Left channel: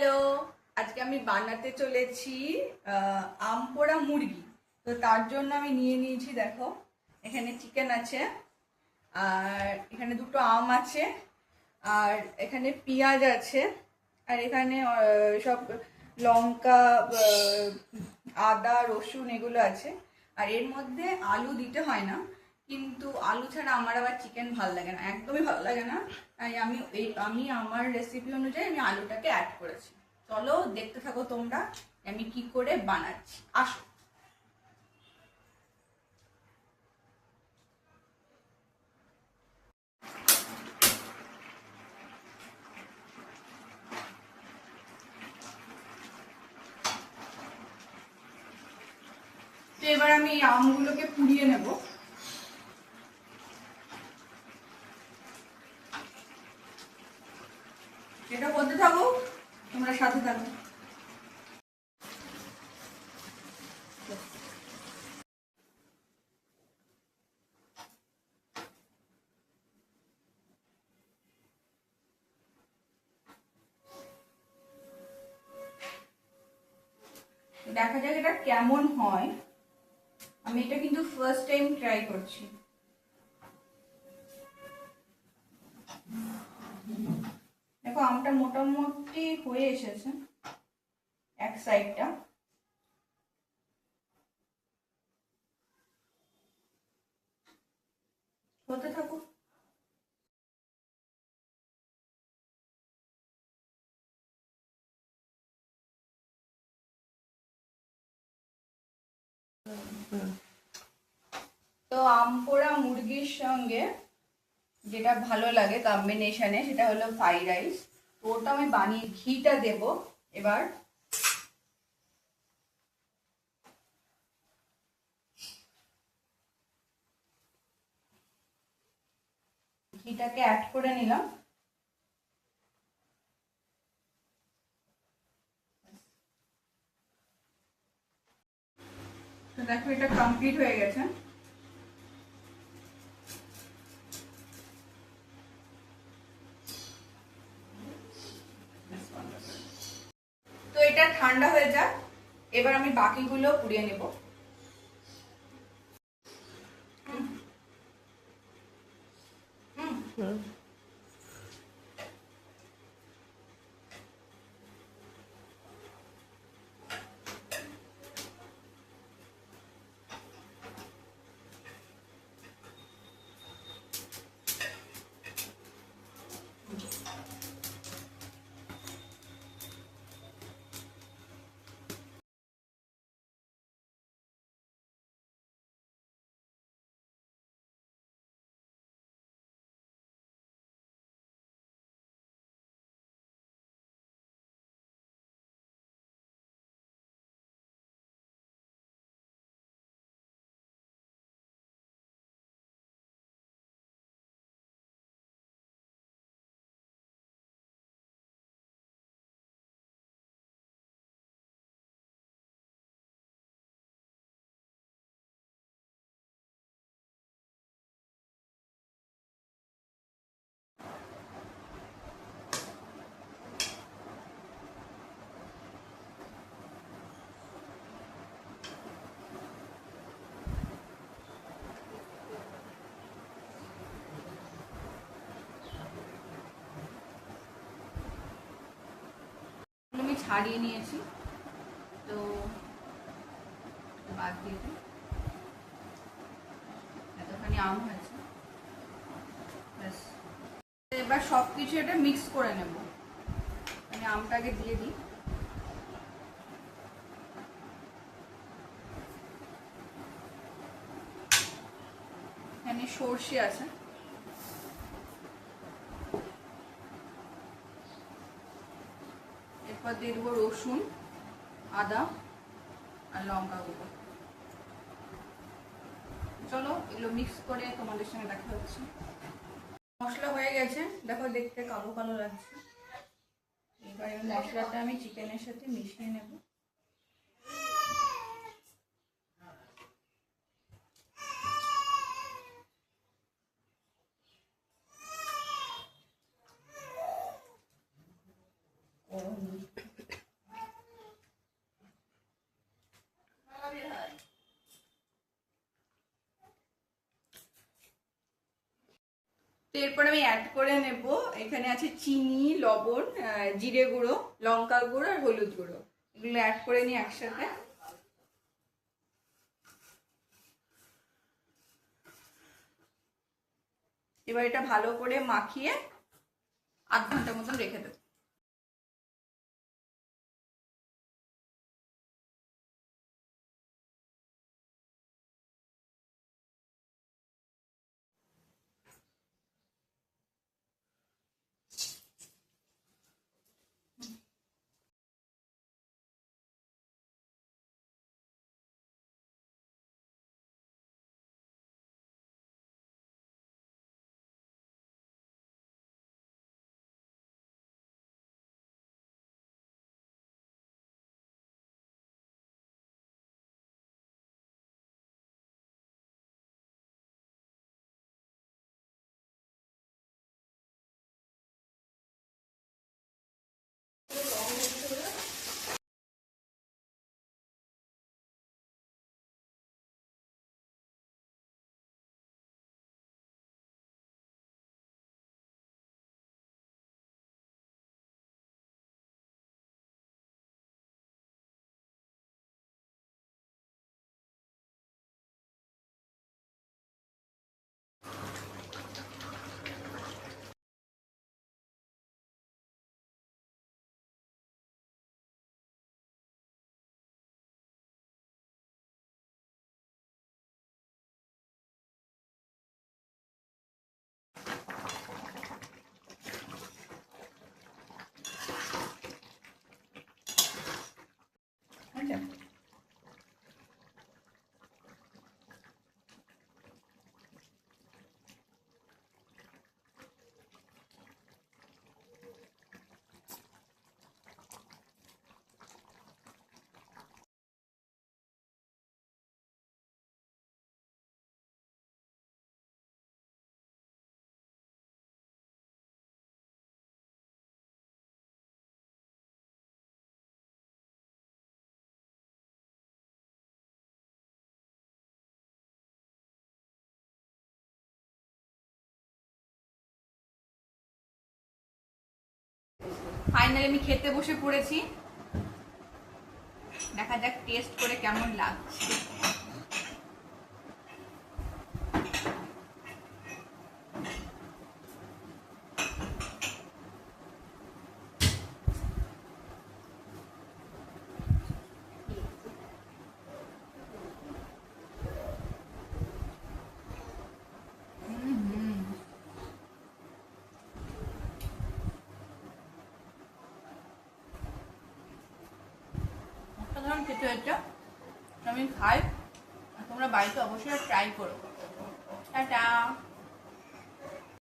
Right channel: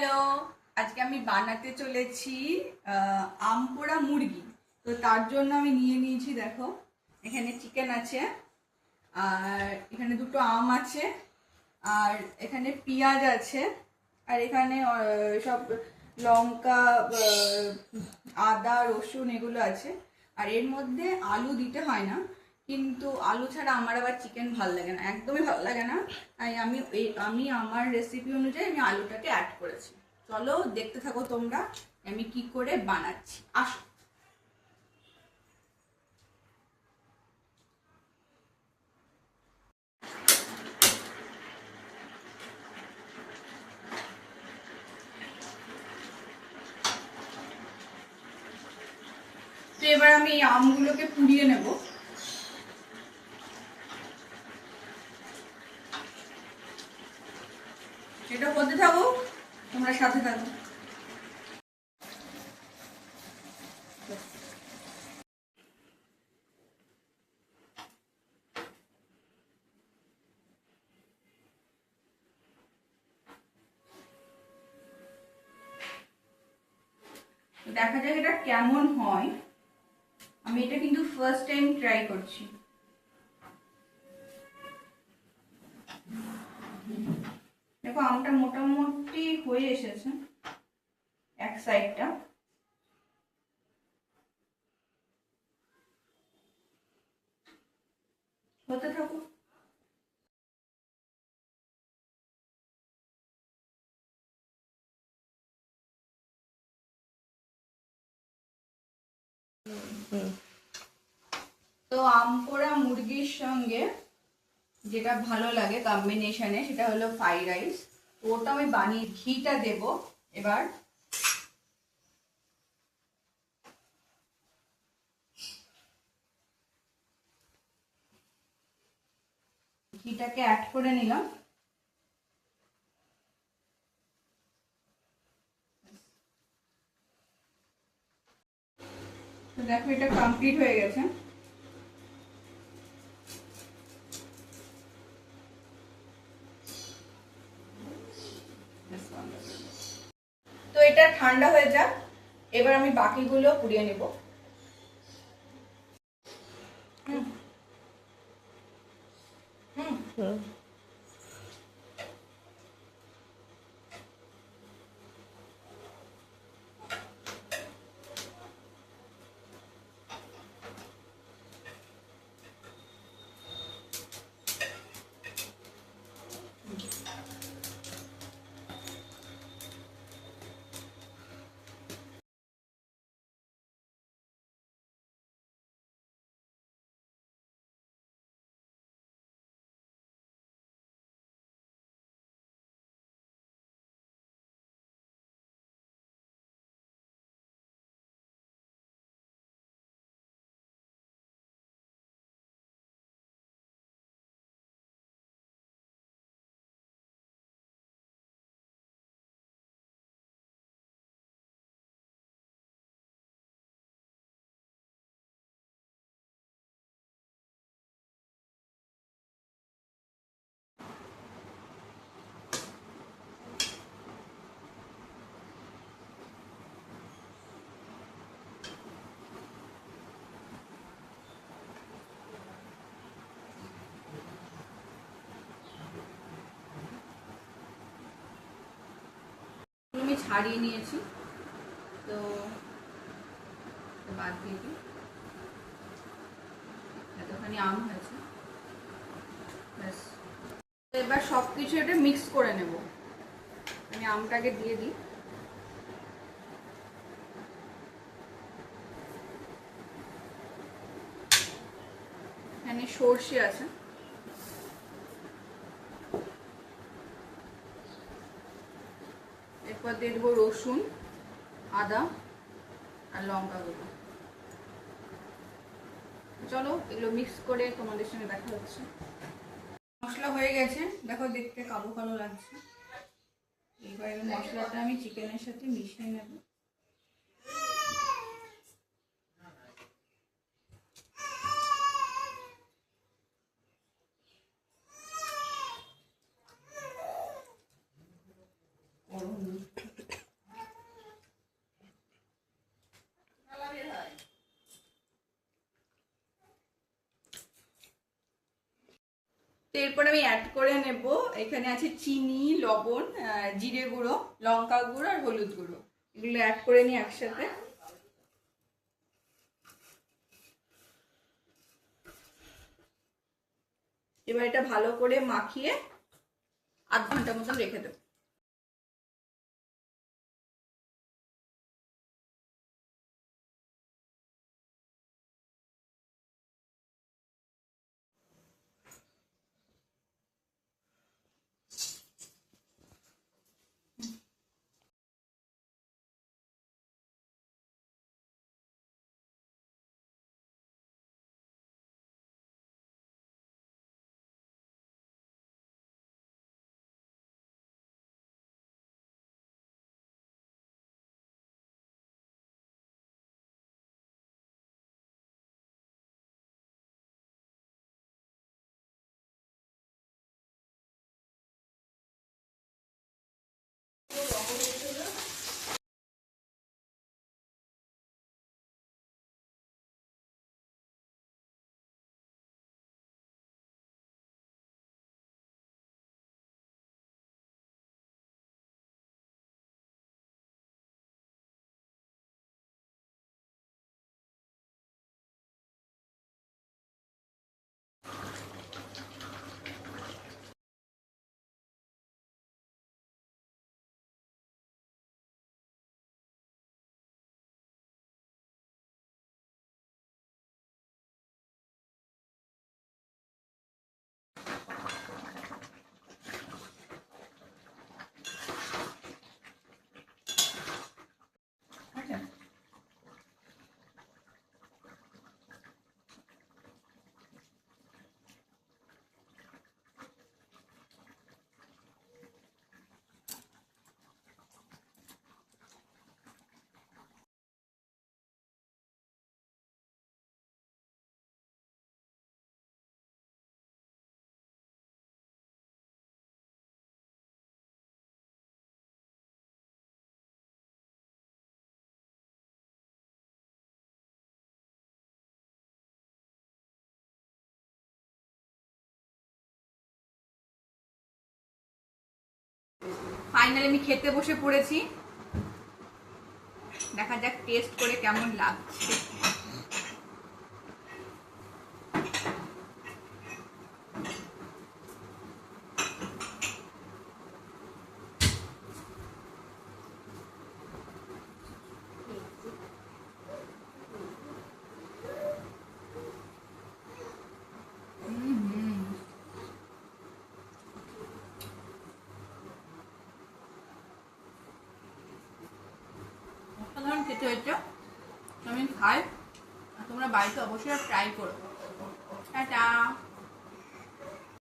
হ্যালো, আজকে আমি বানাতে চলেছি আম পোড়া মুরগি। তো তার জন্য আমি নিয়ে নিয়েছি, দেখো এখানে চিকেন আছে, আর এখানে দুটো আম আছে, আর এখানে পেঁয়াজ আছে, আর এখানে সব লঙ্কা, আদা, রসুন এগুলো আছে। আর এর মধ্যে আলু দিতে হয় না, কিন্তু আলু ছাড়া আমার আবার চিকেন ভালো লাগে না, একদমই ভালো লাগে না। তাই আমি আমার রেসিপি অনুযায়ী আমি আলুটাকে অ্যাড করেছি। চলো দেখতে থাকো তোমরা আমি কি করে বানাচ্ছি, আসো। তো এবার আমি এই আমগুলোকে পুড়িয়ে নেব। এটা করতে থাকো, তোমরা সাথে থাকো। দেখা যাক এটা কেমন হয়। আমি এটা কিন্তু ফার্স্ট টাইম ট্রাই করছি। দেখো আমটা মোটামুটি হয়ে এসেছে এক সাইডটা। হতে থাকো। তো আম পোড়া মুরগির সঙ্গে যেটা ভালো লাগে কম্বিনেশনে সেটা হলো ফ্রাইড রাইস। তো ওটা আমি বানিয়ে ঘিটা দেব এবার। ঘিটাকে অ্যাড করে নিলাম। তো দেখো এটা কমপ্লিট হয়ে গেছে। তো এটা ঠান্ডা হয়ে যাক, এবার আমি বাকিগুলো পুড়িয়ে নেব। আমি ছাড়িয়ে নিয়েছি, তো বাদ দিয়ে দিই। এতখানি আম হয়েছে, ব্যাস। এবার সবকিছু এটা মিক্স করে নেব। আমি আমটাকে দিয়ে দিই। এখানে সর্ষে আছে, এরপর দিয়ে দেবো রসুন, আদা আর লঙ্কা গুঁড়ো। চলো এগুলো মিক্স করে তোমাদের সঙ্গে দেখা হচ্ছে। মশলা হয়ে গেছে, দেখো দেখতে কালো কালো লাগছে। এবার এই মশলাটা আমি চিকেনের সাথে মিশিয়ে নেব। এরপর আমি অ্যাড করে নেব, এখানে আছে চিনি, লবণ, জিরে গুঁড়ো, লঙ্কা গুঁড়ো আর হলুদ গুঁড়ো, এগুলো অ্যাড করে নিই একসাথে। এবার এটা ভালো করে মাখিয়ে আধ ঘন্টার মতন রেখে দেবো। ফাইনালি আমি খেতে বসে পড়েছি, দেখা যাক টেস্ট করে কেমন লাগছে। অসাধারণ খেতে হয়েছে, আমি খাই, তোমরা বাড়িতে অবশ্যই ট্রাই করো। টাটা।